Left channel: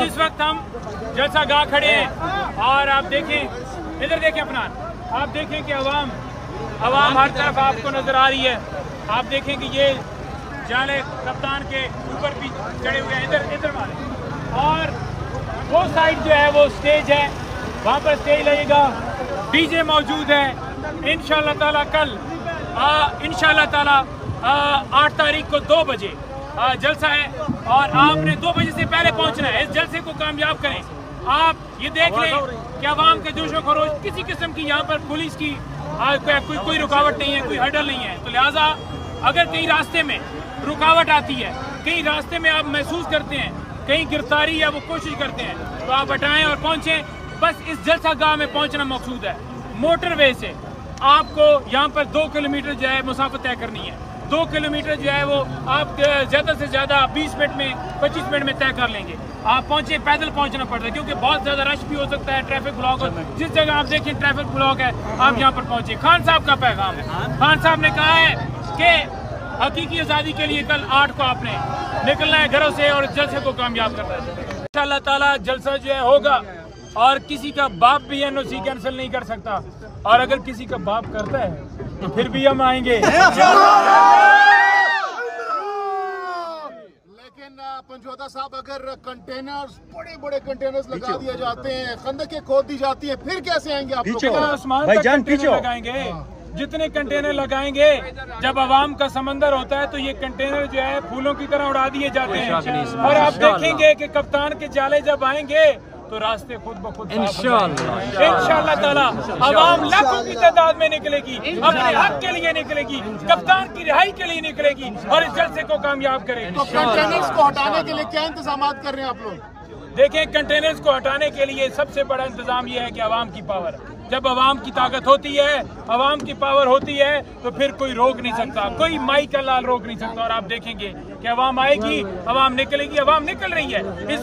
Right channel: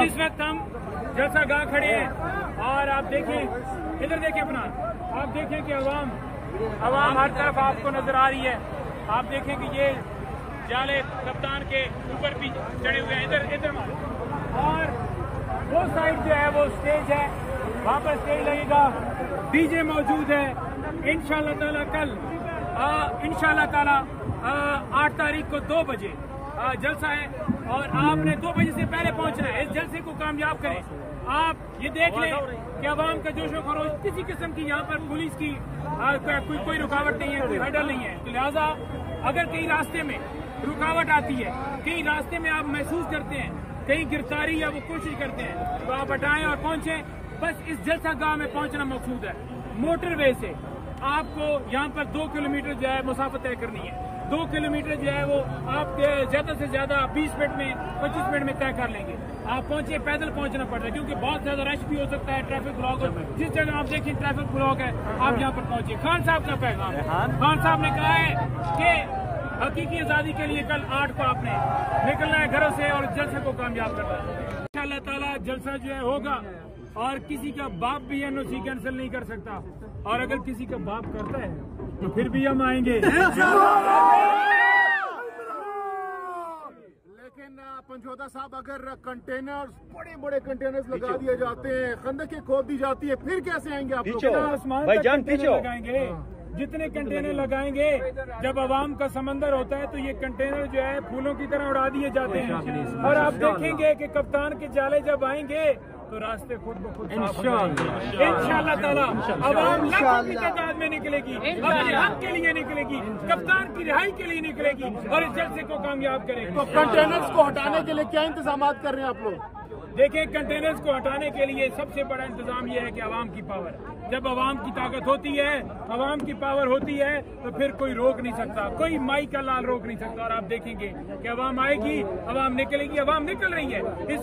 आज इस वक्त हम जलसा गाह खड़े हैं और आप देखें, इधर देखें अपना, आप देखें कि अवाम हर तरफ आपको नजर आ रही है। आप देखें कि ये जाले कप्तान के ऊपर भी चढ़े हुए हैं, इधर मारे। और वो साइड जो है वो स्टेज है, वहाँ पर स्टेज लगेगा, डीजे मौजूद है। इंशाअल्लाह ताला कल इंशाअल्लाह ताला 8 तारीख को 2 बजे जलसा है और आपने 2 बजे से पहले पहुंचना है। इस जलसे को कामयाब करें। आप ये देख लें कि अवाम का जोश व खरोश, किसी किस्म की यहाँ पर पुलिस की कोई रुकावट नहीं है, कोई हर्डल नहीं है। तो लिहाजा अगर कहीं रास्ते में रुकावट आती है, कहीं रास्ते में आप महसूस करते हैं कहीं गिरफ्तारी है, वो कोशिश करते हैं, तो आप हटाएं और पहुंचें। बस इस जलसा गाह में पहुंचना मकसूद है। मोटरवे से आपको यहाँ पर 2 किलोमीटर जो है मुसाफत तय करनी है। 2 किलोमीटर जो है वो आप ज़्यादा से ज़्यादा 20 मिनट में 25 मिनट में तय कर लेंगे। आप पहुँचे, पैदल पहुँचना पड़ता है क्योंकि बहुत ज़्यादा रश भी हो सकता है, ट्रैफिक ब्लॉक। जिस जगह आप देखें ट्रैफिक ब्लॉक है, आप यहाँ पर पहुँचे। खान साहब का पैगाम है, खान साहब ने कहा है कि हकीकी आज़ादी के लिए कल 8 को आपने निकलना है घरों से और जलसे को कामयाब करना है। इंशाअल्लाह ताला जलसा जो है होगा और किसी का बाप भी एनओसी कैंसिल नहीं कर सकता, और अगर किसी का बाप करता है तो फिर भी हम आएंगे। लेकिन पंचोदा साहब, अगर कंटेनर्स, बड़े बड़े कंटेनर्स लगा दिए जाते हैं, खंदकें खोद दी जाती है, फिर कैसे आएंगे आप लोग? आसमान तक कंटेनर लगाएंगे। जितने कंटेनर लगाएंगे, जब आवाम का समंदर होता है तो ये कंटेनर जो है फूलों की तरह उड़ा दिए जाते हैं। और आप देखेंगे कि कप्तान के जाले जब आएंगे तो रास्ते खुद ब खुद इंशाअल्लाह ताला आवाम लाखों की तादाद में निकलेगी, अपने हक के लिए निकलेगी, कप्तान की रिहाई के लिए निकलेगी और इस जलसे को कामयाब करेगी। तो कंटेनर्स को हटाने के लिए क्या इंतजाम कर रहे हैं आप लोग? देखें, कंटेनर्स को हटाने के लिए सबसे बड़ा इंतजाम यह है कि आवाम की पावर, जब आवाम की ताकत होती है, आवाम की पावर होती है, तो फिर कोई रोक नहीं सकता, कोई माई का लाल रोक नहीं सकता। और आप देखेंगे कि आवाम आएगी, आवाम निकलेगी, आवाम निकल रही है। इस